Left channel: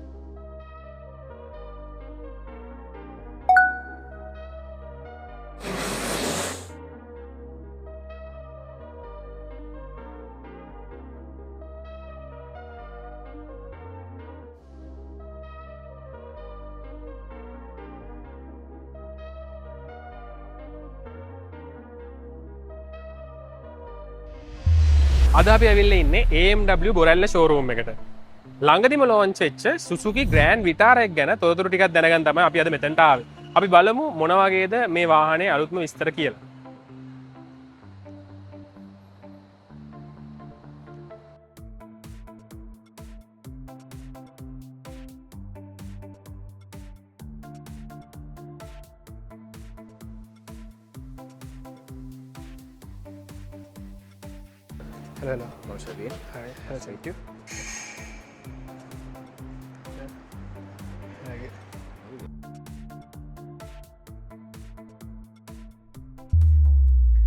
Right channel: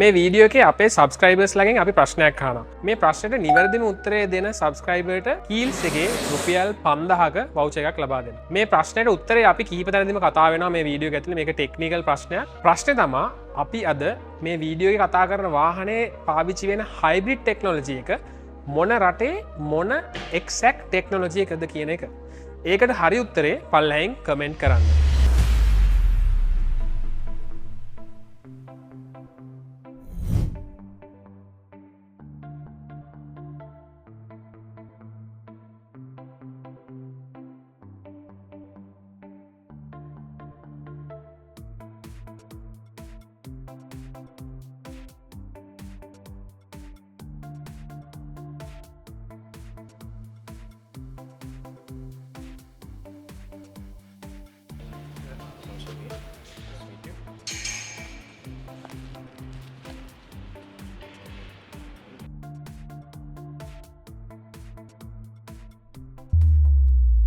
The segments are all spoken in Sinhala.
මේ වීඩියෝ එකේ අපේ සබස්ක්‍රයිබර්ස් ලගෙන් අපි ප්‍රශ්නයක් අහනවා. මේ ප්‍රශ්නෙට නිවැරදිම උත්තරය දෙන සබස්ක්‍රයිබර්ට කීල්ස් එකේ රුපියල් 5000ක වවුචර් එකක් ලබා දෙනවා. මේ ප්‍රශ්නෙට උත්තරය අපි කීප තැනදීම කතා වෙනවා මේ වීඩියෝ එක ඇතුලේ. මේක ටෙක්නිකල් ප්‍රශ්නයක්. ප්‍රශ්නේ තමයි අපි අද මේ වීඩියෝ එකේ කතා කරන වාහනේ පාවිච්චි වෙන හයිබ්‍රිඩ් ටෙක්නොලොජි එක මොන රටේ මොන එක්සැක්ට් ටෙක්නොලොජි එකද කියන එක. ඒකට හරි උත්තරේ පල්ලෙහෙන් කමෙන්ට් කරන්න. අද අපි ඇවිල්ලා ඉන්නේ AMW බොරැල්ල ෂෝරූම් එකට. ළඟදිම ලෝන්ච් වෙච්ච Suzuki Grand Vitara එක ගැන තොරතුරු ටිකක් දැනගන්න තමයි අපි අද මෙතනට ආවේ. අපි බලමු මොන වගේද මේ වාහනේ අලුත්ම විස්තර කියලා. Hello. Hi. Thank you.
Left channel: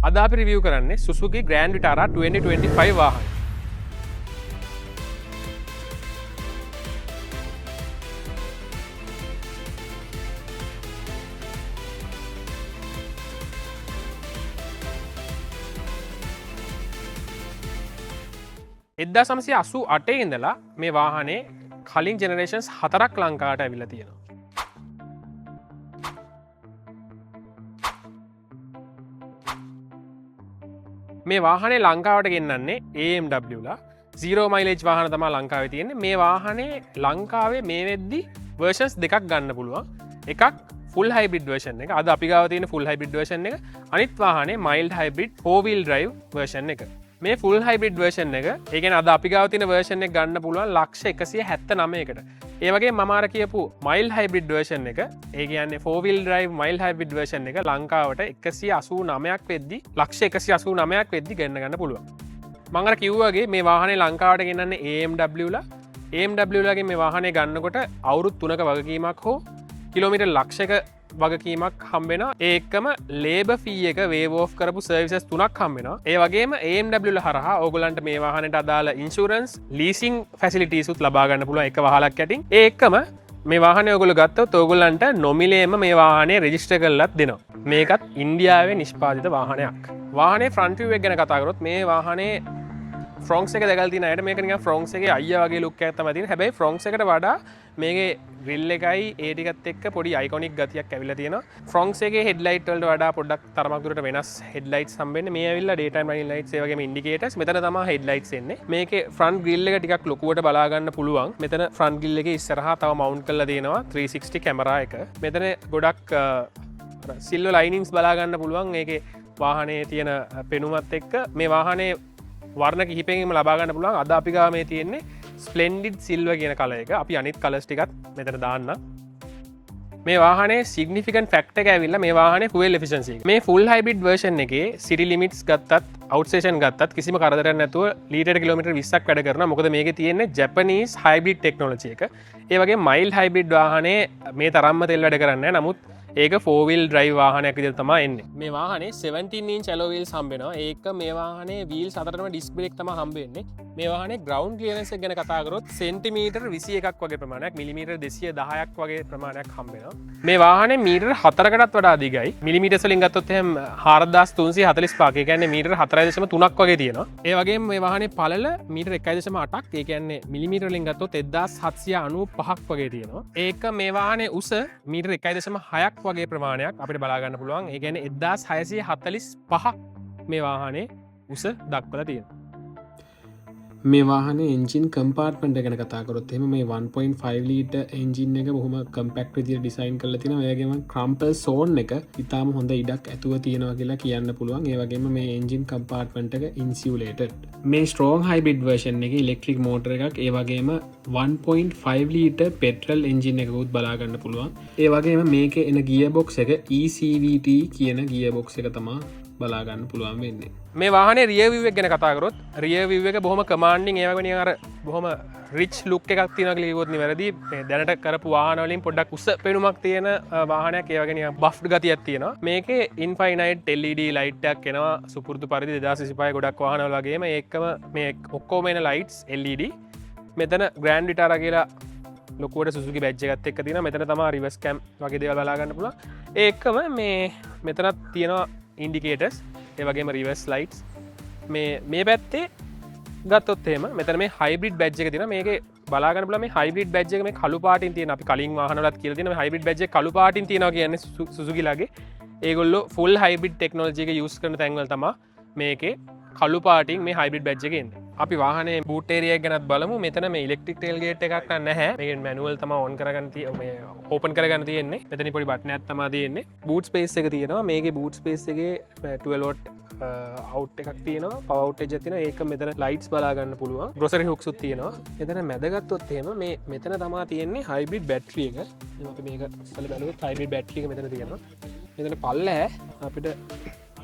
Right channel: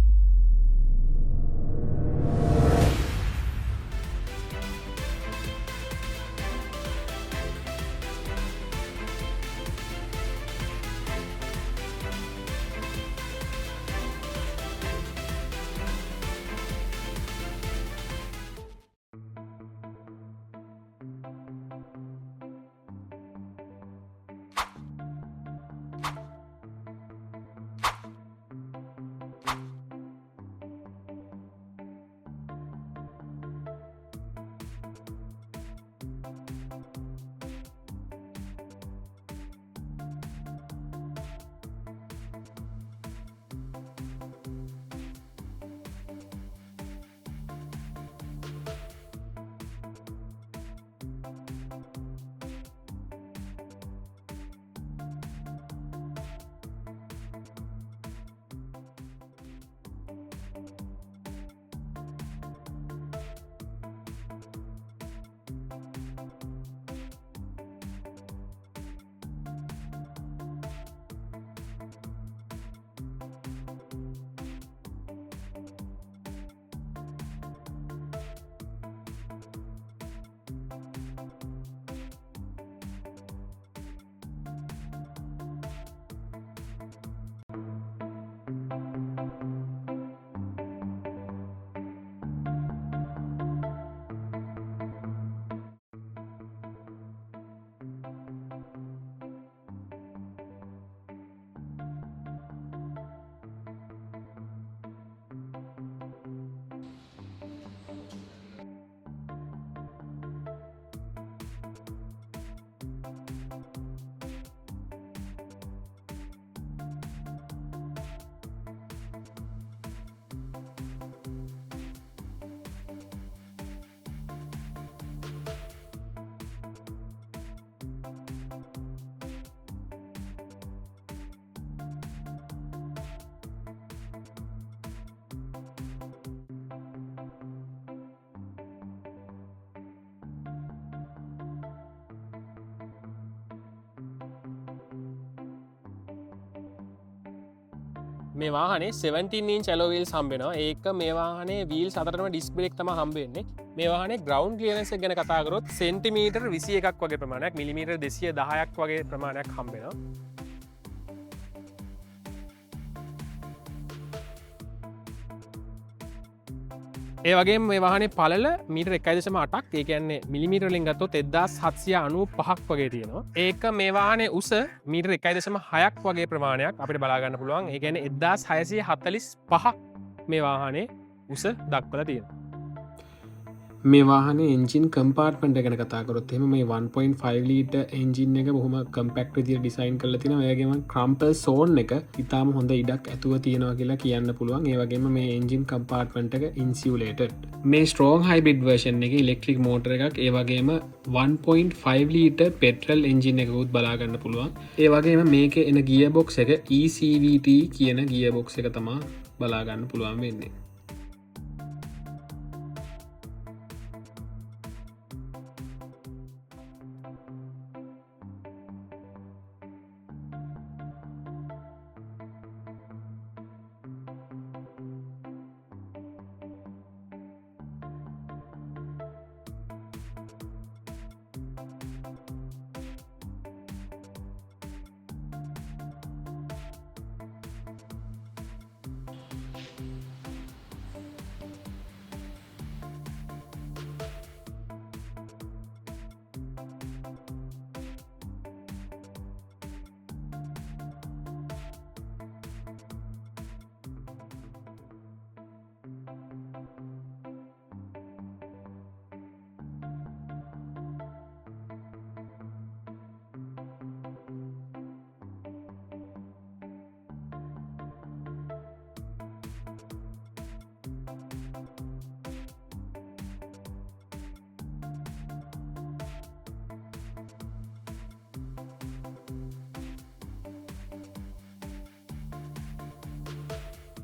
අද අපි රිවිව් කරන්නේ Suzuki Grand Vitara 2025 වාහන. එදදා 1988 ඉඳලා මේ වාහනේ කලින් ජෙනරේෂන්ස් 4ක් ලංකාවට ඇවිල්ලා තියෙනවා. මේ වාහනේ ලංකාවට ගෙන්නන්නේ AMW ලා 0 මයිලේජ් වාහන තමයි ලංකාවේ තියෙන්නේ. මේ වාහනේ ලංකාවේ මේ වෙද්දි versions දෙකක් ගන්න පුළුවන්. එකක් full hybrid version එක. අද අපි ගාව තියෙන full hybrid version එක. අනිත් වාහනේ mild hybrid 4-wheel drive version එක. මේ full hybrid version එක, ඒ කියන්නේ අද අපි ගාව තියෙන version එක ගන්න පුළුවන් ලක්ෂ 179කට. ඒ වගේ මම අර කියපු mild hybrid version එක, ඒ කියන්නේ 4-wheel drive mild hybrid version එක ලංකාවට 189ක් වෙද්දි ලක්ෂ 189ක් වෙද්දි ගන්න පුළුවන්. මම අර කිව්වාගේ මේ වාහනේ ලංකාවට ගෙන්නන්නේ AMW ලා. AMW ලාගේ මේ වාහනේ ගන්නකොට අවුරුදු 3ක වගකීමක් හෝ කිලෝමීටර් ලක්ෂයක වගකීමක් හම්බෙනවා. ඒකම ලේබර් ෆී එක වේව් ඔෆ් කරපු සර්විසස් 3ක් හම්බෙනවා. ඒ වගේම AMW ලා හරහා ඕගොල්ලන්ට මේ වාහනේට අදාළ ඉන්ෂුරන්ස්, ලීසින් ෆැසිලිටීස් උත් ලබා ගන්න පුළුවන් එක වහලක් යටින්. ඒ එක්කම මේ වාහනේ ඔයගොල්ලෝ ගත්තොත් ඕගොල්ලන්ට නොමිලේම මේ වාහනේ රෙජිස්ටර් කරලත් දෙනවා. මේකත් ඉන්දියාවේ නිෂ්පාදිත වාහනයක්. වාහනේ ෆ්‍රන්ට් වීව් එක ගැන කතා කරොත් මේ වාහනේ ෆ්‍රොන්ක්ස් එක දැකලා තියෙන අයට මේක නිකන් ෆ්‍රොන්ක්ස් එකේ අයියා වගේ ලුක් එකක් තමයි තියෙන්නේ. හැබැයි ෆ්‍රොන්ක්ස් එකට වඩා මේකේ ග්‍රිල් එකයි ඒ ටිකත් එක්ක පොඩි අයිකොනික් ගතියක් ඇවිල්ලා තියෙනවා. ෆ්‍රොන්ක්ස් එකේ හෙඩ්ලයිට් වලට වඩා පොඩ්ඩක් තරමක් දුරට වෙනස් හෙඩ්ලයිට්ස් හම්බෙන්නේ. මේ ඇවිල්ලා ඩේ ටයිම් රනින් ලයිට්ස් ඒ වගේම ඉන්ඩිකේටර්ස්. මෙතන තමයි හෙඩ්ලයිට්ස් එන්නේ. මේකේ ෆ්‍රන්ට් ග්‍රිල් එක ටිකක් ලොකුවට බලා ගන්න පුළුවන්. මෙතන ෆ්‍රන්ට් ග්‍රිල් එකේ ඉස්සරහා තව මවුන්ට් කරලා දෙනවා 360 කැමරා එක. මෙතන ගොඩක් සිල්වර් ලයිනින්ග්ස් බලා ගන්න පුළුවන්. ඒකේ වාහනේ තියෙන පෙනුමත් එක්ක මේ වාහනේ වර්ණ කිහිපයකින්ම ලබා ගන්න පුළුවන්. අද අපි ගාව මේ තියෙන්නේ ස්ප්ලෙන්ඩිඩ් සිල්වර් කියන කලර් එක. අපි අනිත් කලර්ස් ටිකත් මෙතන දාන්න. මේ වාහනේ සිග්නිෆිකන්ට් ෆැක්ටර් එක ඇවිල්ලා මේ වාහනේ fuel efficiency. මේ full hybrid version එකේ city limits ගත්තත් outstation ගත්තත් කිසිම කරදරයක් නැතුව ලීටර් කිලෝමීටර් 20ක් වැඩ කරනවා. මොකද මේකේ තියෙන්නේ Japanese hybrid technology එක. ඒ වගේ mild hybrid වාහනේ මේ තරම්ම තෙල් වැඩ කරන්නේ නැහැ. නමුත් ඒක 4-wheel drive වාහනයක් විදිහට තමයි එන්නේ. මේ වාහනේ 17 inch alloy wheels හම්බ වෙනවා. ඒක මේ වාහනේ wheels අතරටම disc brake තමයි හම්බ වෙන්නේ. මේ වාහනේ ground clearance එක ගැන කතා කරොත් සෙන්ටිමීටර් 21ක් වගේ ප්‍රමාණයක්, මිලිමීටර් 210ක් වගේ ප්‍රමාණයක් හම්බ වෙනවා. මේ වාහනේ මීටර් 4කටත් වඩා දිගයි. මිලිමීටර්ස් වලින් ගත්තොත් එහෙනම් 4345. ඒ කියන්නේ මීටර් 4.3ක් වගේ තියෙනවා. ඒ වගේම මේ වාහනේ පළල මීටර් 1.8ක්. ඒ කියන්නේ මිලිමීටර් වලින් ගත්තොත් 1795ක් වගේ තියෙනවා. ඒක මේ වාහනේ උස මීටර් 1.6ක් වගේ ප්‍රමාණයක් අපිට බලාගන්න පුළුවන්. ඒ කියන්නේ 1645ක් මේ වාහනේ උස දක්වලා තියෙනවා. මේ වාහනේ එන්ජින් කම්පාර්ට්මන්ට් එක ගැන කතා කරොත් එහෙම මේ 1.5 ලීටර් එන්ජින් එක බොහොම කම්පැක්ට් විදිහට ඩිසයින් කරලා තිනවා. ඒ වගේම ක්‍රම්පල් සෝන් එක ඉතාලම හොඳ ඉඩක් ඇතුව තියෙනවා කියලා කියන්න පුළුවන්. ඒ වගේම මේ එන්ජින් කම්පාර්ට්මන්ට් එක ඉන්සියුලේටඩ්. මේ ස්ට්‍රෝං හයිබ්‍රිඩ් version එකේ ඉලෙක්ට්‍රික් මෝටර් එකක්, ඒ වගේම 1.5 ලීටර් පෙට්‍රල් එන්ජින් එකකුත් බලා ගන්න පුළුවන්. ඒ වගේම මේකේ එන ගියර් බොක්ස් එක ECVT කියන ගියර් බොක්ස් එක තමයි බලා ගන්න පුළුවන් වෙන්නේ. මේ වාහනේ රියර් view එක ගැන කතා කරොත් රියර් view එක බොහොම කමාන්ඩින්, ඒ වගේ නිකන් අර බොහොම රිච් ලුක් එකක් තියෙනවා කියලා කිව්වොත් නිවැරදි. මේ දැනට කරපු වාහන වලින් පොඩ්ඩක් උස පෙනුමක් තියෙන වාහනයක්, ඒ වගේ නිකන් බෆ්ඩ් ගතියක් තියෙනවා. මේකේ ඉන්ෆයිනයිට් LED ලයිට් එකක් එනවා සුපුරුදු පරිදි 2025 ගොඩක් වාහනවල වගේම. ඒකම මේ ඔක්කොම එන ලයිට්ස් LED. මෙතන Grand Vitara කියලා ලොකුවට සුසුකි බැජ් එකත් එක්ක තියෙනවා. මෙතන තමයි රිවර්ස් කැම් වගේ දේවල් බලා ගන්න පුළුවන්. ඒකම මේ මෙතනත් තියෙනවා ඉන්ඩිකේටර්ස්, ඒ වගේම රිවර්ස් ලයිට්ස්. මේ පැත්තේ ගත්තොත් එහෙම මෙතන මේ හයිබ්‍රිඩ් බැජ් එක තියෙනවා. මේකේ බලා ගන්න පුළුවන් මේ හයිබ්‍රිඩ් බැජ් එක මේ කළු පාටින් තියෙන. අපි කලින් වාහනවලත් කියලා තියෙනවා මේ හයිබ්‍රිඩ් බැජ් එක කළු පාටින් තියෙනවා කියන්නේ සුසුකිලාගේ. ඒගොල්ලෝ ෆුල් හයිබ්‍රිඩ් ටෙක්නොලොජි එක යූස් කරන තැන්වල තමයි මේකේ කළු පාටින් මේ හයිබ්‍රිඩ් බැජ් එකේ එන්නේ. අපි වාහනේ බූට් ඒරියා එක ගැනත් බලමු. මෙතන මේ ඉලෙක්ට්‍රික් ටේල් ගේට් එකක් නැහැ. මේක මැනුවල් තමයි ඔන් කරගන්න තියෙන්නේ. ඕපන් කරගන්න තියෙන්නේ. මෙතන පොඩි බටන් එකක් තමයි තියෙන්නේ. බූට් ස්පේස් එක තියෙනවා. මේකේ බූට් ස්පේස් එකේ 12 වොට් අවුට් එකක් තියෙනවා. පවර් අවුටේජ් එකක් තියෙනවා. ඒක මෙතන ලයිට්ස් බලා ගන්න පුළුවන්. ග්‍රොසරි හුක්ස් උත් තියෙනවා. මෙතන මැදගත්තොත් එහෙම මේ මෙතන තමයි තියෙන්නේ හයිබ්‍රිඩ් බැටරි එක. අපි මේක ඉස්සෙල්ලා බලුවොත් හයිබ්‍රිඩ් බැටරි එක මෙතන තියෙනවා. මෙතන පල්ලෑ අපිට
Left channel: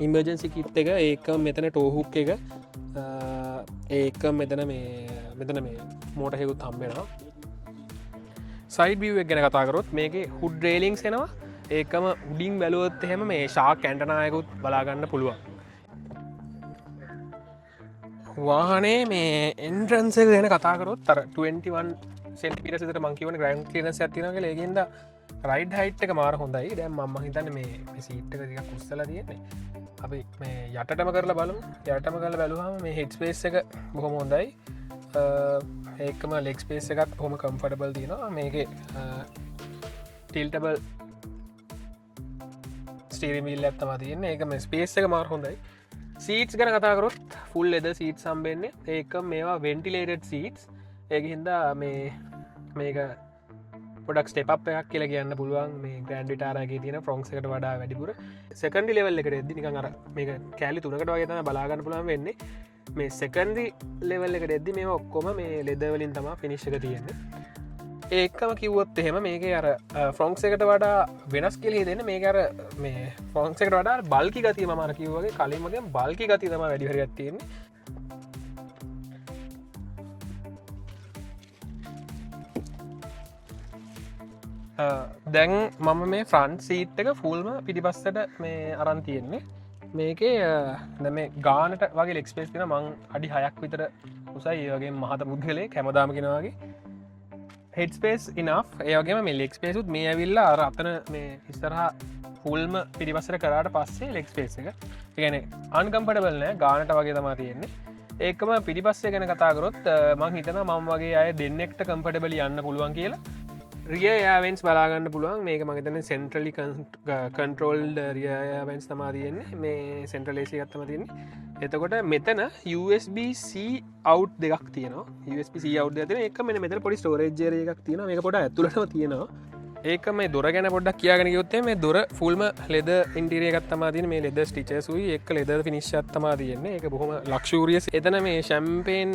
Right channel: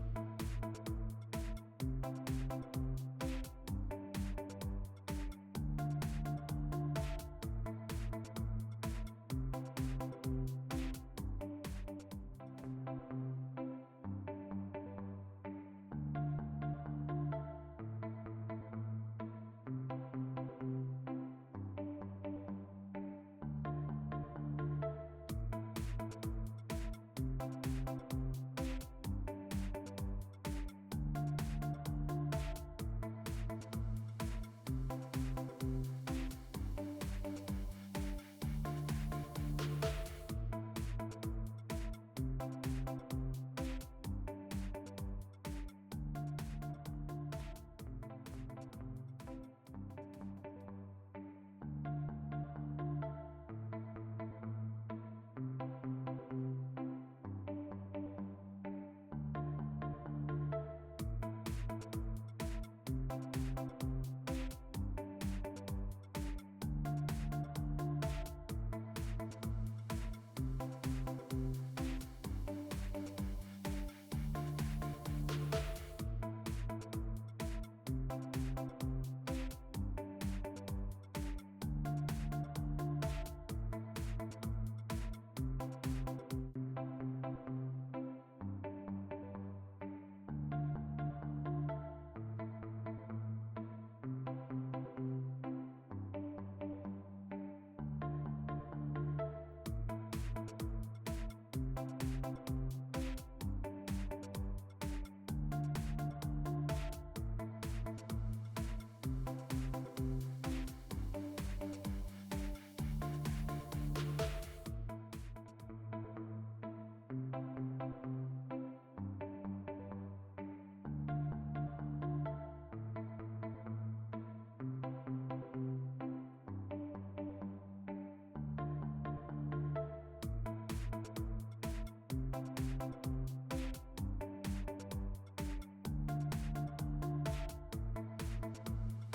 ඉමර්ජන්සි කිට් එක, ඒක මෙතන ටෝ හුක් එක, ඒක මෙතන මේ මෝටර් එකකුත් හම්බෙනවා. සයිඩ් විව් එක ගැන කතා කරොත් මේකේ හුඩ් රේලින්ග්ස් එනවා. ඒකම උඩින් බැලුවොත් එහෙම මේ ෂාක් ඇන්ටනා එකකුත් බලා ගන්න පුළුවන්. වාහනේ මේ එන්ට්‍රන්ස් එක ගැන කතා කරොත් අර 21 සෙන්ටිමීටර්ස් විතර මං කියවනේ ග්‍රවුන්ඩ් ක්ලියරන්ස් එකක් තියෙනවා කියලා. ඒකෙන්ද රයිඩ් හයිට් එක මාර හොඳයි. දැන් මම හිතන්නේ මේ සීට් එක ටිකක් උස්සලා තියෙන්නේ. අපි මේ යටටම කරලා බලමු. යටටම කරලා බැලුවාම මේ හෙඩ් ස්පේස් එක බොහොම හොඳයි. ඒකම ලෙග් ස්පේස් එකත් බොහොම කම්ෆර්ටබල් තියෙනවා. මේකේ ටිල්ටබල් ස්ටීරින් වීල් එකක් තමයි තියෙන්නේ. ඒක මේ ස්පේස් එක මාර හොඳයි. සීට්ස් ගැන කතා කරොත් ෆුල් ලෙදර් සීට්ස් හම්බෙන්නේ. ඒක මේවා වෙන්ටිලේටඩ් සීට්ස්. ඒකින් හින්දා මේක පොඩක් ස්ටෙප් අප් එකක් කියලා කියන්න පුළුවන්. මේ ග්‍රෑන්ඩ් විටාරා එකේ තියෙන ෆ්‍රොන්ක්ස් එකට වඩා වැඩිපුර. සෙකන්ඩරි ලෙවල් එකට එද්දි නිකන් අර මේක කෑලි තුනකට වගේ තමයි බලා ගන්න පුළුවන් වෙන්නේ. මේ සෙකන්ඩරි ලෙවල් එකට එද්දි මේවා ඔක්කොම මේ ලෙදර් වලින් තමයි ෆිනිෂ් එක තියෙන්නේ. ඒකම කිව්වොත් එහෙම මේකේ අර ෆ්‍රොන්ක්ස් එකට වඩා වෙනස් කියලා හිතෙන්නේ මේක අර මේ ෆ්‍රොන්ක්ස් එකට වඩා බල්කි ගතිය මම අර කිව්වා වගේ කලින් වගේ බල්කි ගතිය තමයි වැඩි හරියක් තියෙන්නේ. දැන් මම මේ ෆ්‍රන්ට් සීට් එක ෆුල්ම පිටිපස්සට මේ අරන් තියෙන්නේ. මේකේ මේ ගානට වගේ ලෙග් ස්පේස් තියෙන මං අඩි 6ක් විතර උසයි. ඒ වගේම මහත පුද්ගලයෙක් හැමදාම කියනවා වගේ හෙඩ් ස්පේස් ඉනෆ්. ඒ වගේම මේ ලෙග් ස්පේස් උත් මේ ඇවිල්ලා අර අතන මේ ඉස්සරහා ෆුල්ම පිටිපස්සට කරාට පස්සේ ලෙග් ස්පේස් එක. ඒ කියන්නේ අන්කම්ෆර්ටබල් නෑ, ගානට වගේ තමයි තියෙන්නේ. ඒකම පිටිපස්සේ ගැන කතා කරොත් මං හිතනවා මම වගේ අය දෙන්නෙක්ට කම්ෆර්ටබලි යන්න පුළුවන් කියලා. රිය යාවෙන්ස් බලාගන්න පුළුවන්. මේක මගතන සෙන්ට්‍රලි කන්ට්‍රෝල්ඩ රියයාවෙන්ස් තමා තියෙන්නේ. මේ සෙන්ට්‍රල් ඒසි ගත්තම තියන්නේ. එතකොට මෙතන USB-C අවු් දෙකක් තියනවා. USB-C අවු් දෙන එක මෙ මෙතන පොඩි ස්ටෝරේජ් එකක් තියෙනවා. මේක පොඩ ඇතුළටම තියෙනවා. ඒක මේ දොර ගැන පොඩ්ඩක් කියාගෙන යොත්තේ මේ දොර ෆුල්ම ලෙද ඉන්ටිරිය එකක් තමා තියෙන. මේ ලෙද ස්ටිචර්ස්ුයි එක්ක ලෙද ෆිනිෂ් එකක් තමා තියෙන්නේ. ඒක බොහොම ලක්ෂූරියස්. එතන මේ ෂැම්පේන්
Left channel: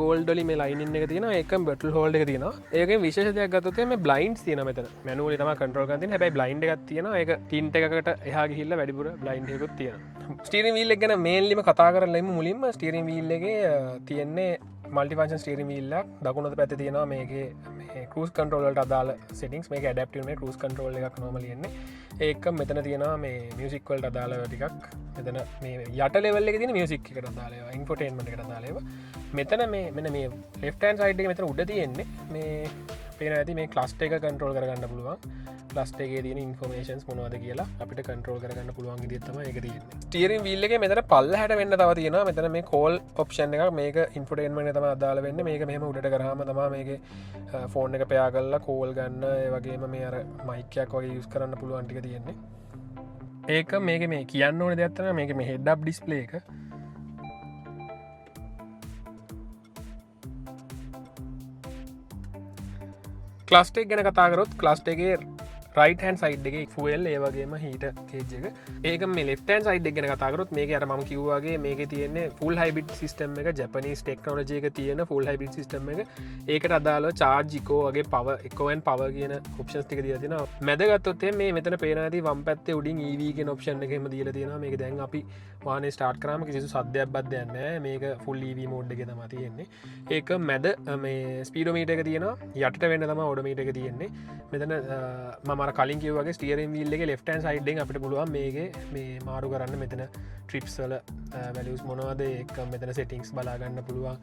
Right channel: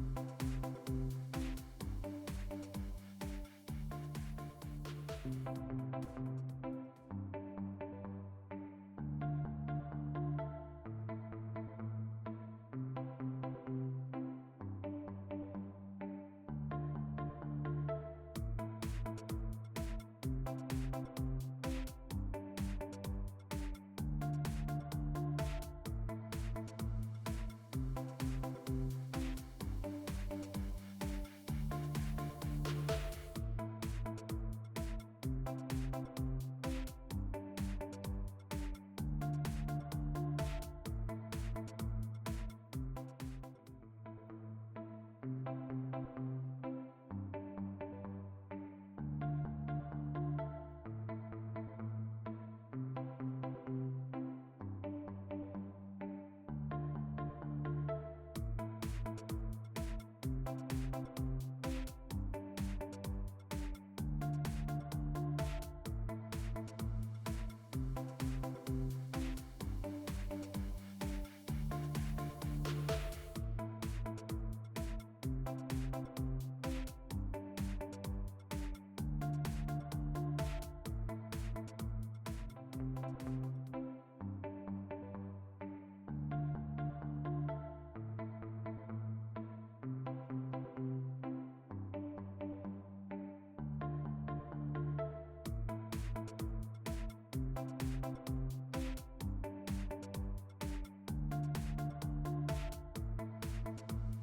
ගෝල්ඩ් වලින් මේ ලයිනින් එක තියෙනවා. ඒකම බටල් හෝල්ඩ් එක තියෙනවා. ඒකෙන් විශේෂ දෙයක් ගත්තොත් මේ බ්ලයින්ඩ්ස් තියෙනවා මෙතන. මැනුවලි තමයි කන්ට්‍රෝල් කරන්න තියෙන්නේ. හැබැයි බ්ලයින්ඩ් එකක් තියෙනවා. ඒක ටින්ට් එකකට එහා ගිහිල්ලා වැඩිපුර බ්ලයින්ඩ් එකකුත් තියෙනවා. ස්ටීරින් වීල් එක ගැන මේන්ලිම කතා කරලා ඉමු. මුලින්ම ස්ටීරින් වීල් එකේ තියෙන්නේ මල්ටි ෆන්ක්ෂන් ස්ටීරින් වීල් එකක්. දකුණු පැත්තේ තියෙනවා මේකේ cruise control වලට අදාළ settings. මේක adaptive නේ cruise control එකක් normally එන්නේ. ඒක මෙතන තියෙනවා මේ music වලට අදාළ ටිකක්. මෙතන මේ යට level එකේ තියෙන music එකට අදාළ ඒවා, infotainment එකට අදාළ ඒවා. මෙතන මේ මෙන්න මේ left hand side එකේ මෙතන උඩ තියෙන්නේ මේ පේන ඇති මේ cluster එක control කරගන්න පුළුවන්. cluster එකේ තියෙන informations මොනවද කියලා අපිට control කරගන්න පුළුවන් විදිහ තමයි ඒක තියෙන්නේ. steering wheel එකේ මෙතන පල්ලහැට වෙන්න තව තියෙනවා. මෙතන මේ call option එකක්. මේක infotainment එක තමයි අදාළ වෙන්නේ. මේක මෙහෙම උඩට කරාම තමයි මේකේ ෆෝන් එක පෙයා කරලා කෝල් ගන්න, ඒ වගේම මේ අර මයික් එකක් වගේ යූස් කරන්න පුළුවන් ටික තියෙන්නේ. ඒක මේක මේ කියන්න ඕනේ දෙයක් තමයි මේක මේ head up display එක. ක්ලස්ට් එක ගැන කතා කරොත් ක්ලස්ට් එකේ right hand side එකේ fuel ඒ වගේම heater gauge එක. ඒක මේ left hand side එක ගැන කතා කරොත් මේකේ අර මම කිව්වා වගේ මේකේ තියෙන්නේ full hybrid system එක, Japanese technology එක තියෙන full hybrid system එක. ඒකට අදාළව charge eco වගේ power eco and power කියන options ටික දීලා තියෙනවා. මැද ගත්තොත් මේ මෙතන පේන ඇති වම් පැත්තේ උඩින් EV කියන option එකෙම දීලා තියෙනවා. මේක දැන් අපි වාහනේ start කරාම කිසිදු සද්දයක් බද්දයක් නැහැ. මේක full EV mode එකේ තමයි තියෙන්නේ. ඒක මැද මේ speedometer එක තියෙනවා. යටට වෙන්න තමයි odometer එක තියෙන්නේ. මෙතන මම කලින් කිව්වගේ ස්ටියරින් වීල් එකේ left hand side එකෙන් අපිට පුළුවන් මේකේ මේ මාරු කරන්න. මෙතන trips වල values මොනවද, ඒක මෙතන settings බලා ගන්න පුළුවන්.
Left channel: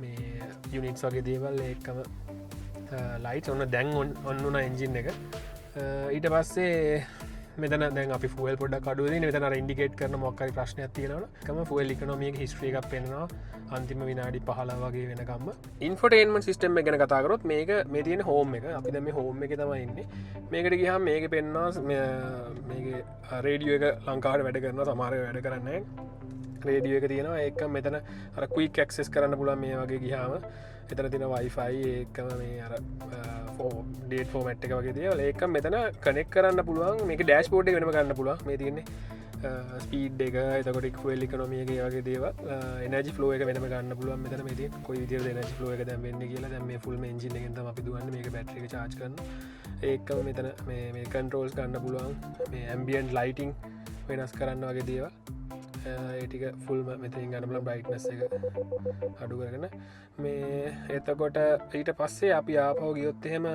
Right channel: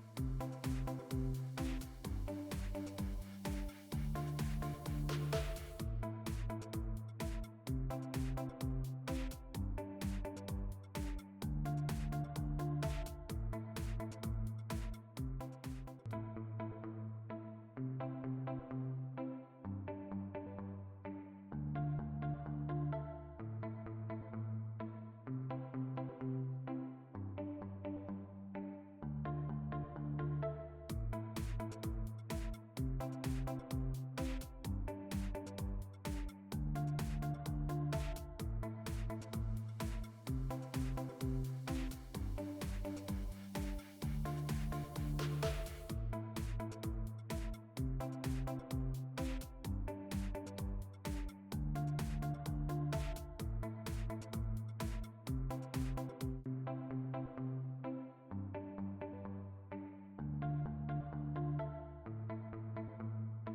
මේ units වගේ දේවල් ඒකම ලයිට් ඔන්න දැන් ඔන්නුන එන්ජින් එක ඊට පස්සේ මෙතන දැන් අපි ෆුවල් පොඩ කඩුව මෙතන ඉන්ඩිකේට් කරන මොක්කරි ප්‍රශ්නයක් තියෙනවන කම ෆුවල් ඉකනොමියක හිස්ට්‍රිය එකක් පෙන්නවා අන්තිම විනාඩි 15 වගේ වෙනකම්ම ඉන්ෆෝටේන්මන්ට් සිස්ටම් එක ගැන කතාකරොත් මේක මේ තියෙන හෝම් එක අපි දැන් මේ හෝම් එකේ තමයි ඉන්නේ මේකට ගියාම මේක පෙන්නවා මේකේ රේඩියෝ එක ලංකාවට වැඩ කරනවා සමහර වැඩ කරන්නේ රේඩියෝ එක තියෙනවා ඒක මෙතන අර ක්වික් ඇක්සස් කරන්න පුළුවන් මේ වගේ ගියාම එතන තියෙන Wi-Fi ඒකම මේ අර ඩේට් ෆෝමැට් එක වගේ දේවල් ඒක මෙතන කනෙක්ට් කරන්න පුළුවන් මේක ඩෑෂ්බෝඩ් එක වෙනම ගන්න පුළුවන් මේ තියෙන්නේ ස්පීඩ් එක එතකොට ෆුවල් ඉකොනොමි එක වගේ දේවල් එනර්ජි ෆ්ලෝ එක වෙනම ගන්න පුළුවන් මෙතන මේ තියෙන කොයි විදිහට එනර්ජි ෆ්ලෝ එක දැන් වෙන්නේ කියලා දැන් මේ ෆුල් මේ එන්ජින් එකෙන් තමයි අපි දුවන්නේ මේක බැටරි එක charge කරනවා ඒකම මෙතන මේ කන්ට්‍රෝල්ස් ගන්න පුළුවන් මේ ඇම්බියන්ට් ලයිටිං වෙනස් කරන්න වගේ දේවල් ඒටික ෆුල්ම මෙතින් ගන්න පුළුවන් බ්‍රයිට්නස් එක අඩු කරගෙන මේ එතකොට ඊට පස්සේ අපි ආපහු ගියොත් එහෙම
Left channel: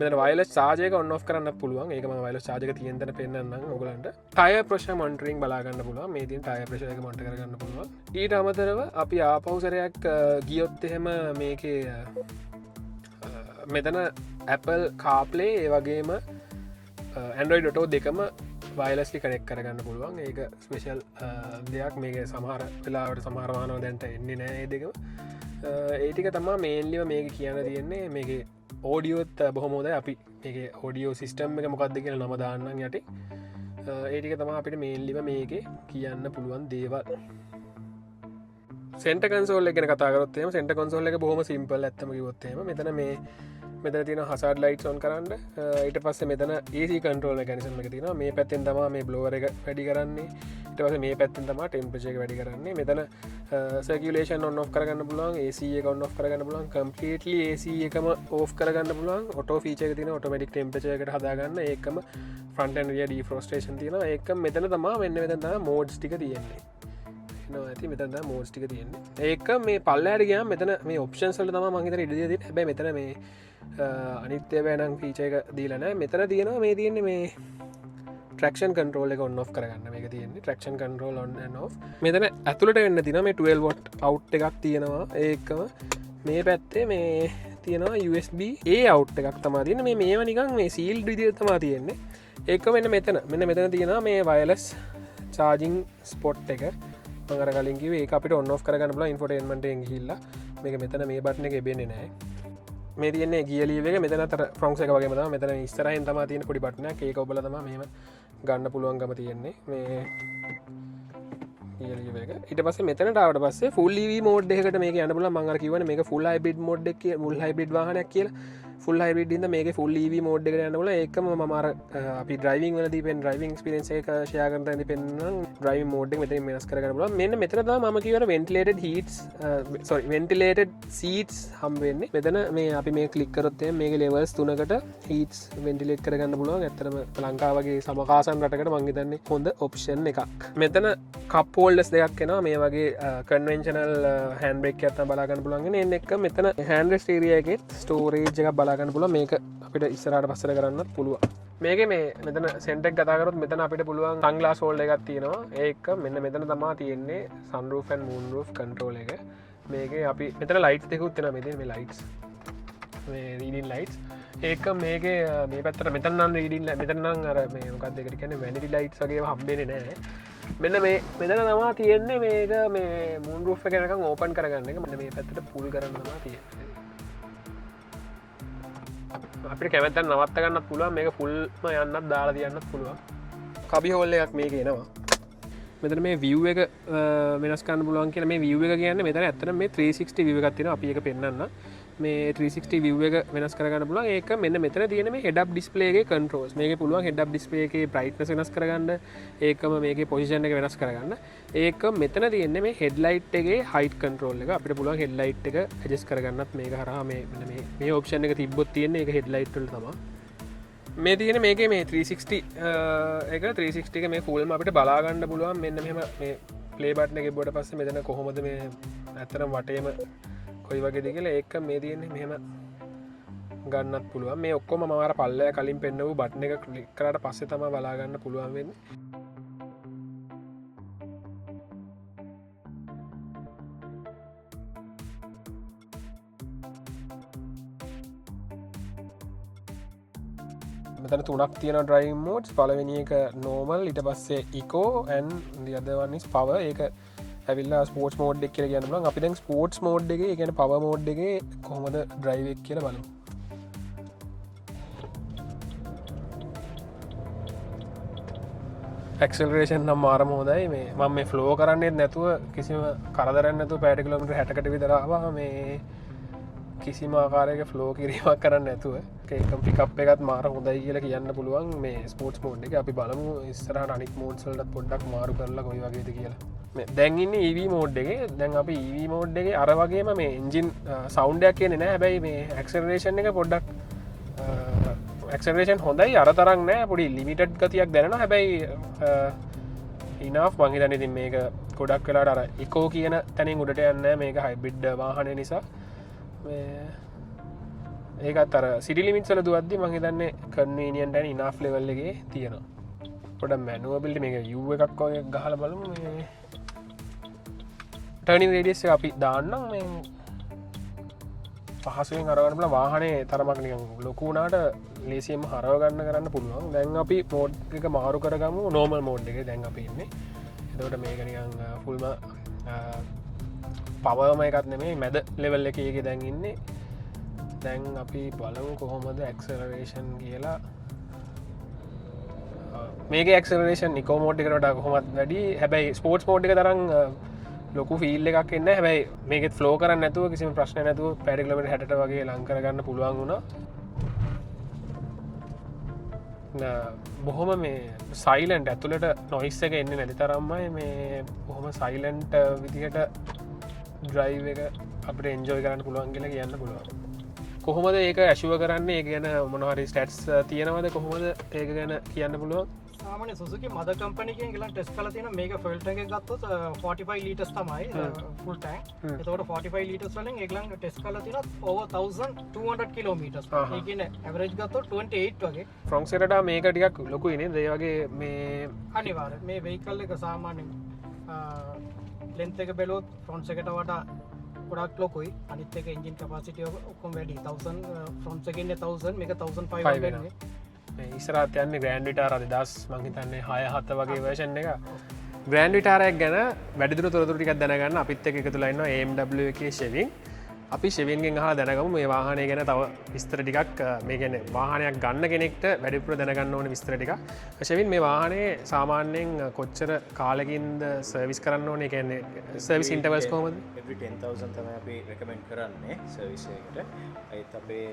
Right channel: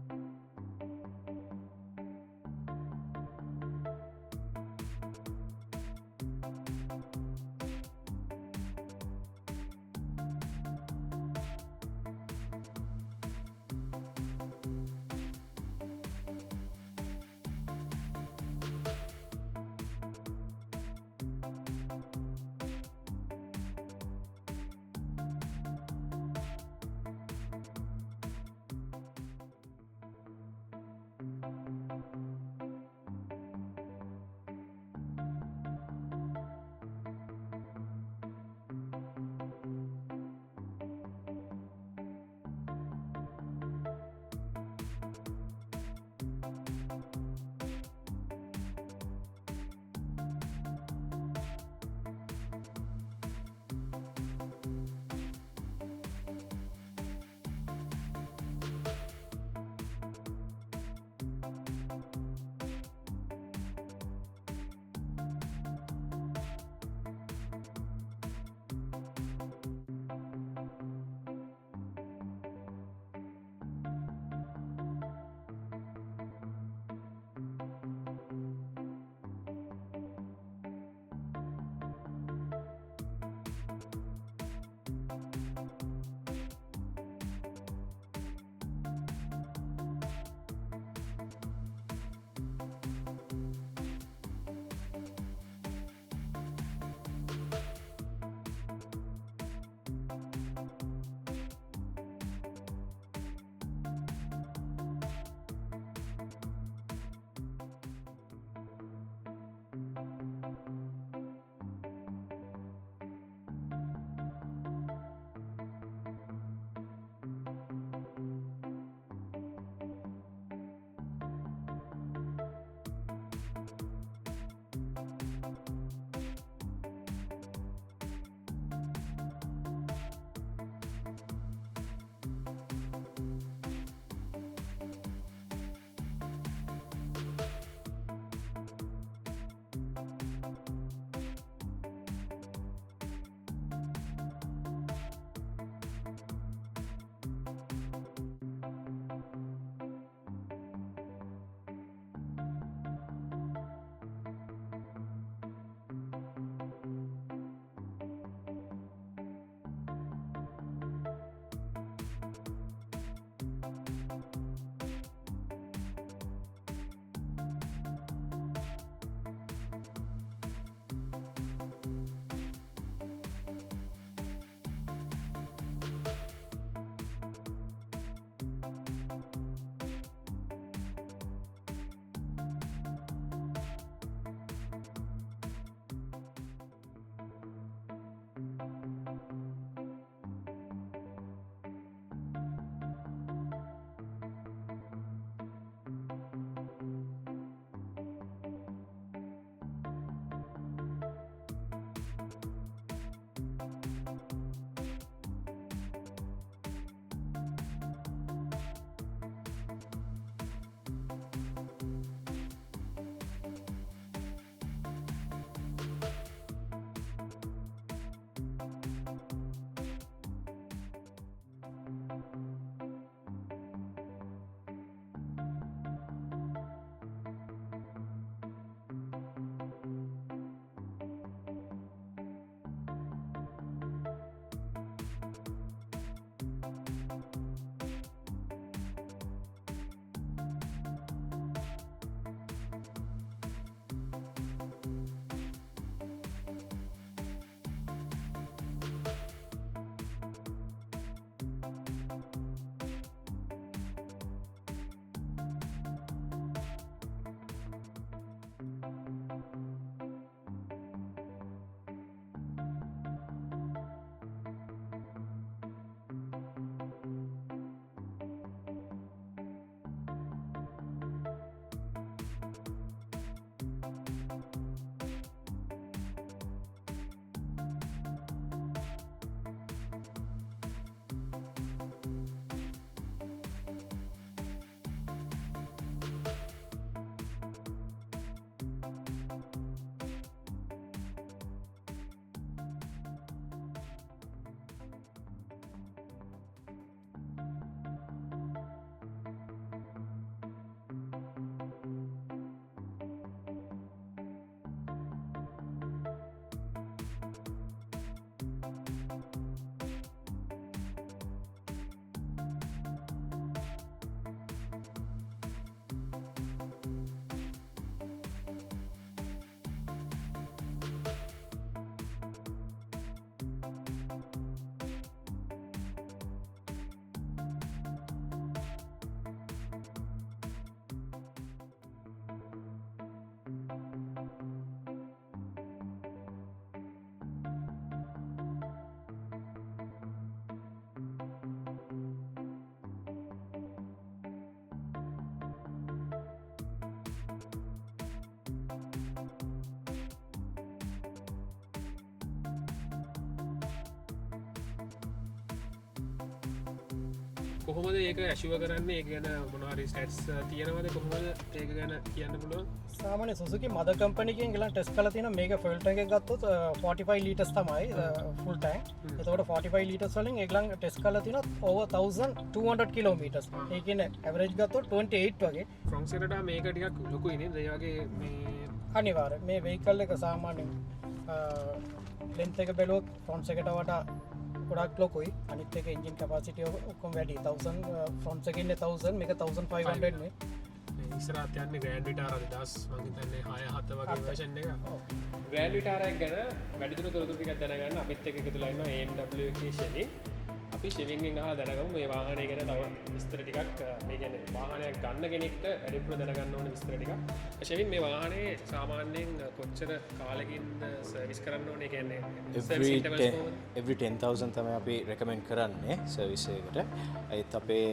මෙතන වයර්ලස් charge එක on off කරන්න පුළුවන් ඒක මම වයර්ලස් charge එක තියෙන තැන පෙන්නන්නම් ඔයගලන්ට ටයර් ප්‍රෙෂර් මොනිටරින් බලා ගන්න පුළුවන් මේ තියෙන ටයර් ප්‍රෙෂර් එක මොනිටර් කරගන්න පුළුවන් ඊට අමතරව අපි ආපහු සැරයක් ගියොත් එහෙම මේකේ මෙතන Apple CarPlay ඒ වගේම Android Auto දෙකම වයර්ලස්ලි කනෙක්ට් කරගන්න පුළුවන් ඒක ස්පෙෂල් දෙයක් මේක සමහර වෙලාවට සමහර වාහන දැන්ට එන්නේ නැහැ ඒ දෙකම ඒ ටික තමයි මේන්ලිව මේක කියන්න තියෙන්නේ මේකේ ඕඩියෝත් බොහොම හොඳයි අපි මේකේ ඕඩියෝ සිස්ටම් එක මොකක්ද කියලා නම දාන්නම් යටි ඒ ටික තමයි අපිට මේන්ලිව මේකේ කියන්න පුළුවන් දේවල් සෙන්ටර් කන්සෝල් එක ගැන කතා කරොත් එහෙම සෙන්ටර් කන්සෝල් එක බොහොම සිම්පල් ඇත්තම කිව්වොත් එහෙම මෙතන මෙතන තියෙන හසාඩ් ලයිට්ස් ඔන් කරන්න ඊට පස්සේ මෙතන AC කන්ට්‍රෝල් මෙකැනිසම් එක තියෙනවා මේ පැත්තෙන් තමයි මේ බ්ලෝවර් එක වැඩි කරන්නේ ඊට පස්සේ මේ පැත්තෙන් තමයි ටෙම්පරේචර් එක වැඩි කරන්නේ මෙතන සර්කියුලේෂන් ඔන් ඔෆ් කරගන්න පුළුවන් AC එක ඔන් ඔෆ් කරගන්න පුළුවන් කම්ප්ලීට්ලි AC එකම ඕෆ් කරගන්න පුළුවන් ඔටෝ ෆීචර් එක තියෙනවා ඔටෝමැටික් ටෙම්පරේචර් එකට හදාගන්න ඒකම ෆ්‍රන්ට් ඇන්ඩ් රියර් ඩිෆ්‍රොස්ටේෂන් තියෙනවා ඒක මෙතන තමයි මෙතන තමයි මෝඩ්ස් ටික තියෙන්නේ ඇති මෙතන මෝඩ්ස් ටික තියෙන්නේ ඒක මේ පල්ලෙහාට ගියාම මෙතන මේ ඔප්ෂන්ස් වල තමයි මම හිතන්නේ ඉඩ දීලා තියෙන්නේ හැබැයි මෙතන මේ අනිත්‍ය බෑනම් ෆීචර් එක දීලා නැහැ මෙතන තියෙනවා මේ තියෙන්නේ මේ ට්‍රැක්ෂන් කන්ට්‍රෝල් එක ඔන් ඔෆ් කරගන්න මේක තියෙන්නේ traction control on and off මෙතන ඇතුළට වෙන්න තියෙනවා මේ 12 වොට් අවුට් එකක් තියෙනවා ඒකම මේ පැත්තේ මේ තියෙනවා USB A අවුට් එකක් තමයි තියෙන්නේ මේව නිකන් මේ සීල්ඩ් විදිහට තමයි තියෙන්නේ ඒක මෙන්න මෙතන තියෙනවා මේ වයර්ලස් charging spot එක මම අර කලින් කිව්වේ ඒක අපිට on off කරගන්න පුළුවන් ඉන්ෆෝටේන්මන්ට් එකෙන් ගිහිල්ලා මේක මෙතන මේ බටන් එකේ එබෙන්නේ නැහැ මේ තියෙන්නේ ගියර් ලීවර් එක මෙතන අතර ෆ්‍රොන්ක්ස් එක වගේම තමයි මෙතන ඉස්සරහින් තමයි තියෙන පොඩි බටන් එකක් ඒක ඔබලා තමයි මෙහෙම ගන්න පුළුවන්කම තියෙන්නේ මේ ගියර් ලීවර් එක ඊට පස්සේ මෙතනට ආවට පස්සේ full EV mode එකකට මේක යන්න පුළුවන් මම අර කිව්වනේ මේක full hybrid mode එක full hybrid වාහනයක් කියලා full hybrid ඉඳන් මේකේ full EV mode එකට යන්න පුළුවන් ඒකම මම අර අපි driving වලදී පෙන් driving experience එක share කරන තැනදී පෙන්නන driving mode එක මෙතන වෙනස් කරගන්න පුළුවන් මෙන්න මෙතන තමයි මම කියවන ventilated seats හම් වෙන්නේ මෙතන මේ අපි මේ ක්ලික් කරොත් එහෙනම් මේකේ levels 3කට heats ventilate කරගන්න පුළුවන් ඇත්තටම ලංකාව වගේ සමකාසන් රටකට මම හිතන්නේ හොඳ option එකක් මෙතන cup holders දෙකක් එනවා මේ වගේ conventional hand brake එකක් තමයි බලා ගන්න පුළුවන් එන්නේ එක මෙතන hand rest area එකේ storage එකක් බලා ගන්න පුළුවන් මේක අපිට ඉස්සරහට පස්සට කරන්නත් පුළුවන් මේකේ මේ මෙතන සෙන්ටර් එක කතා කරොත් මෙතන අපිට පුළුවන් සන්ග්ලාස් හෝල්ඩර් එකක් තියෙනවා ඒක මෙන්න මෙතන තමයි තියෙන්නේ sunroof and moonroof control එක මේකේ අපි මෙතන lights දෙකකුත් තියෙනවා මේ lights මේ reading lights ඒක මේකේ මේ පැත්තට මෙතන නම් reading මෙතන නම් අර මේ මොකක්ද ඒකට කියන්නේ vanity lights වගේම හම්බෙන්නේ නැහැ මෙන්න මේ මෙතන තමයි තියෙන්නේ මේක මේ moonroof එක නිකන් open කරගන්න එක මෙන්න මේ පැත්තට pull කරන්න තමයි තියෙන්නේ අපිට කැමැත්තෙන් නවත්ත ගන්නත් පුළුවන් මේක ෆුල්ම යන්නත් දාලා තියන්නත් පුළුවන් කබි හෝල් එකක් මේක එනවා මෙතන මේ view එක වෙනස් කරන්න පුළුවන් කියලා මේ view එක කියන්නේ මෙතන ඇත්තටම මේ 360 view එකක් තියෙනවා අපි ඒක පෙන්නන්න මේ 360 view එක වෙනස් කරගන්න පුළුවන් ඒක මෙන්න මෙතන තියෙන මේ head up display එකේ controls මේකේ පුළුවන් head up display එකේ brightness වෙනස් කරගන්න ඒකම මේකේ position එක වෙනස් කරගන්න ඒක මෙතන තියෙන්නේ මේ headlight එකේ height control එක අපිට පුළුවන් headlight එක adjust කරගන්නත් මේක හරහා මේ option එක තිබ්බොත් තියෙන්නේ ඒක headlight වල තමයි මේ තියෙන මේකේ මේ 360 එක 360 එක මේ fullම අපිට බලා ගන්න පුළුවන් මෙන්න මෙහෙම මේ play button එක ගිහුවට පස්සේ මෙතන කොහොමද මේ ඇත්තටම වටේම කොයි වගේද කියලා ඒක මේ තියෙන්නේ මෙහෙම ගන්නත් පුළුවන් මේ ඔක්කොම මම අර පල්ලෙය කලින් පෙන්නපු බටන් එක ක්ලික් කරාට පස්සේ තමයි බලා ගන්න පුළුවන් වෙන්නේ මෙතන තුනක් තියෙන ඩ්‍රයිව් මෝඩ්ස්. පළවෙනි එක නෝමල්, ඊට පස්සේ ඉකෝ and the other one is power. ඒක ඇවිල්ලා ස්පෝර්ට්ස් මෝඩ් එක කියලා කියන්න පුළුවන්. අපි දැන් ස්පෝර්ට්ස් මෝඩ් එකේ, ඒ කියන්නේ පවර් මෝඩ් එකේ කොහොමද ඩ්‍රයිව් එක කියලා බලමු. ඇක්සලරේෂන් නම් මාරම හොඳයි. මේ මම මේ ෆ්ලෝ කරන්නේ නැතුව කිසිම කරදරයක් නැතුව පැයට කිලෝමීටර් 60කට විතර ආවා. මේ කිසිම ආකාරයක ෆ්ලෝ කිරීමක් කරන්න නැතුව ඒක පිකප් එකත් මාර හොඳයි කියලා කියන්න පුළුවන් මේ ස්පෝර්ට්ස් මෝඩ් එක. අපි බලමු ඉස්සරහට අනිත් මෝඩ්ස් වලට පොඩ්ඩක් මාරු කරලා කොයි වගේද කියලා. මේ දැන් ඉන්නේ EV මෝඩ් එකේ. දැන් අපි EV මෝඩ් එකේ අර වගේම මේ එන්ජින් සවුන්ඩ් එකක් එන්නේ නැහැ. හැබැයි මේ ඇක්සලරේෂන් එක පොඩ්ඩක් ඇක්සලරේෂන් හොඳයි, අර තරම් නෑ, පොඩි ලිමිටඩ් ගතියක් දැනෙනවා. හැබැයි ඉනෆ් මං හිතන්නේ ඉතින් මේක ගොඩක් වෙලාට අර ඉකෝ කියන තැනින් උඩට යන්නේ නැහැ. මේක හයිබ්‍රිඩ් වාහනය නිසා. ඒකත් අර සිටි ලිමිට්ස් වල දුවද්දි මං හිතන්නේ කන්වීනියන්ට් and ඉනෆ් ලෙවල් එකේ තියෙනවා. පොඩ්ඩක් මැනුවබිලිටි මේක U එකක් වගේ ගහලා බලමු. මේ ටර්නින් රේඩියස් එක අපි දාන්නම්. මේ පහසුවෙන් අරගන්න පුළුවන්. වාහනේ තරමක් නිකන් ලොකු වුණාට ලේසියෙන්ම හරව ගන්න කරන්න පුළුවන්. දැන් අපි මෝඩ් එක මාරු කරගමු නෝමල් මෝඩ් එකේ. දැන් අපි ඉන්නේ. එතකොට මේක නිකන් ෆුල්ම පවර්ම එකක් නෙමෙයි, මැද ලෙවල් එකේ දැන් ඉන්නේ. දැන් අපි බලමු කොහොමද ඇක්සලරේෂන් කියලා. මේකේ ඇක්සලරේෂන් ඉකෝ මෝඩ් එකට වඩා කොහොමද වැඩි. හැබැයි ස්පෝර්ට්ස් මෝඩ් එක තරම් ලොකු ෆීල් එකක් එන්නේ. හැබැයි මේකෙත් ෆ්ලෝ කරන්නේ නැතුව කිසිම ප්‍රශ්නයක් නැතුව පැය කිලෝමීටර් 60ට වගේ ලං කරගන්න පුළුවන් වුණා. බොහොම මේ සයිලන්ට්, ඇතුළට නොයිස් එක එන්නේ නැති තරම්මයි. මේ බොහොම සයිලන්ට් විදිහට ඩ්‍රයිව් එක අපිට එන්ජොයි කරන්න පුළුවන් කියලා කියන්න පුළුවන්. කොහොමද ඒක ඇෂුව කරන්නේ? ඒක ගැන මොනවා හරි ස්ටැට්ස් තියෙනවද? කොහොමද ඒක ගැන කියන්න පුළුවන්? සාමාන්‍ය සුසුකි මදර් කම්පැනි එකෙන් ගිහලා ටෙස්ට් කරලා තියෙන මේක ෆුල් ටැන්ක් එකක් ගත්තොත් 45 ලීටර්ස් තමයි ෆුල් ටැන්ක්. ඒතකොට 45 ලීටර්ස් වලින් ඒගොල්ලන් ටෙස්ට් කරලා තියෙනවා over 1200 කිලෝමීටර්ස්. ඒ කියන්නේ ඇවරේජ් ගත්තොත් 28 වගේ. ෆ්‍රොන්ට් සෙටට මේක ටිකක් ලොකුයි නේද? ඒ වගේ මේ අනිවාර්ය මේ වෙහිකල් එක සාමාන්‍යයෙන් ලෙන්ත් එක බැලුවොත් ෆ්‍රොන්ට් එකට වඩා ගොඩක් ලොකුයි. අනිත් එක එන්ජින් කැපැසිටි ඔක්කොම වැඩි. 1000 ෆ්‍රොන්ට් එකේ ඉන්නේ 1000 මේක 1500 වෙන්නේ. ඉස්සරහත් යන්නේ ග්‍රෑන්ඩ් විටාරා 2000 මං හිතන්නේ 6-7 වගේ වර්ෂන් එක. ග්‍රෑන්ඩ් විටාරයක් ගැන වැඩිදුර තොරතුරු ටිකක් දැනගන්න අපිත් එක්ක එකතුලා ඉන්නවා AMW එකේ ෂෙවින්. අපි ෂෙවින්ගෙන් අහලා දැනගමු මේ වාහනය ගැන තව විස්තර ටිකක්. මේ කියන්නේ වාහනයක් ගන්න කෙනෙක්ට වැඩිපුර දැනගන්න ඕන විස්තර ටිකක්. ෂෙවින් මේ වාහනේ සාමාන්‍යයෙන් කොච්චර කාලෙකින්ද සර්විස් කරන්න ඕනේ? කියන්නේ සර්විස් ඉන්ටර්වල්ස් කොහොමද? every 10000 තමයි අපි recommend කරන්නේ සර්විස් එකකට. ඒත් අපේ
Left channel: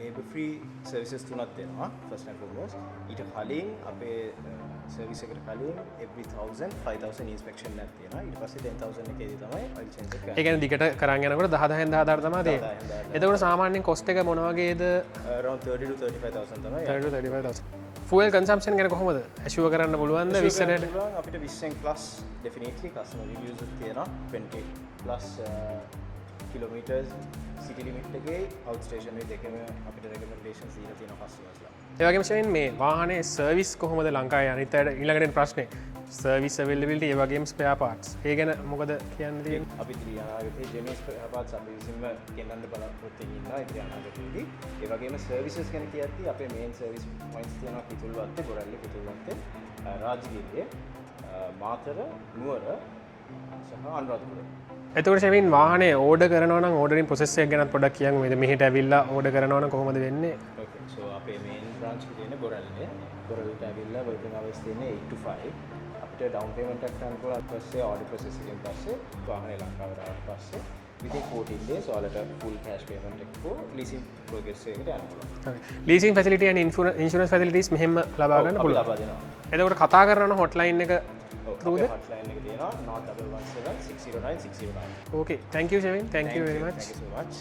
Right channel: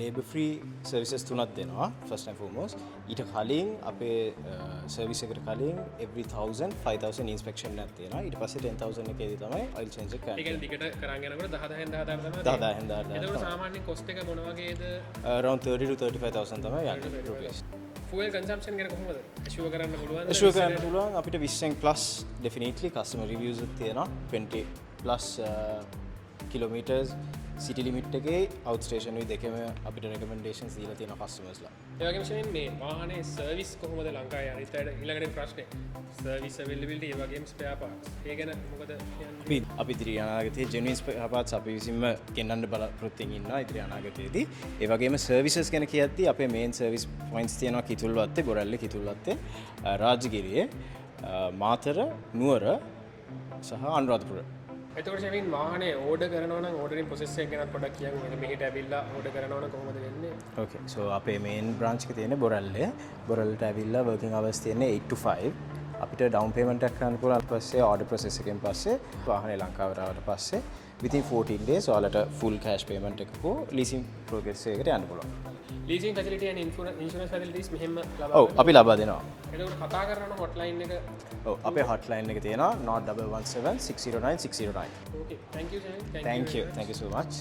labor free services තුනක් දෙනවා first and foremost. ඊට කලින් අපේ සර්විස් එකට කලින් every 1000 5000 inspection එකක් තියෙනවා. ඊට පස්සේ 10000 එකේදී තමයි oil change එක කරන්නේ. ඒ කියන්නේ දිගට කරන් යනකොට 10000 තමයි තියෙන්නේ. එතකොට සාමාන්‍යයෙන් කොස්ට් එක මොන වගේද? around 30 to 35000 තමයි. 30 to 35000. ෆුවල් කන්සම්ප්ෂන් ගැන කොහොමද ඇෂුව කරන්න පුළුවන්ද? අපිට 20 plus definitely customer reviews තියෙනවා. 20 plus kilometers city limit එකේ out station වල දෙකම අපිට recommendations දීලා තියෙනවා customers ලා. ඒ වගේම ෂෙවින් මේ වාහනේ සර්විස් කොහොමද ලංකාවේ? අනිත් අයට ඊළඟට ප්‍රශ්නේ සර්විස් availability ඒ වගේම spare parts. ඒ ගැන මොකද කියන්නේ? අපි ඉදිරි අනාගතයේ genuine spare parts අපි විසින්ම ගෙන්නන්න බලාපොරොත්තු ඉන්නවා ඉදිරි අනාගතයේදී. ඒ වගේම services ගැන කියද්දී අපේ main service points තියෙනවා කිතුල්වත්තේ, බොරැල්ල කිතුල්වත්තේ, රාජගිරියේ, මාතර, නුවර සහ අනුරාධපුර. එතකොට ෂෙවින් වාහනේ ඕඩර් කරනවා නම් ඕඩරින් ප්‍රොසෙස් එක ගැන පොඩ්ඩක් කියන්න. මෙහෙට ඇවිල්ලා ඕඩර් කරනවා නම් කොහොමද වෙන්නේ? Okay, so අපේ main branch එකේ තියෙන බොරැල්ලේ. බොරැල්ලට ඇවිල්ලා working hours තියෙන්නේ 8 to 5. අපිට down payment එකක් කරන්න පුළුවන්. පස්සේ order process එකෙන් පස්සේ වාහනේ ලංකාවට ආවට පස්සේ within 14 days ඔයාලට full cash payment එකක් හෝ leasing progress එකකට යන්න පුළුවන්. leasing facility and insurance facilities මෙහෙම ලබා ගන්න අපි ලබා දෙනවා. එතකොට කතා කරන hotline එක අපේ hotline එක තියෙනවා 0117 609 609. Okay, thank you Shevin. Thank you very much. Thank you so much.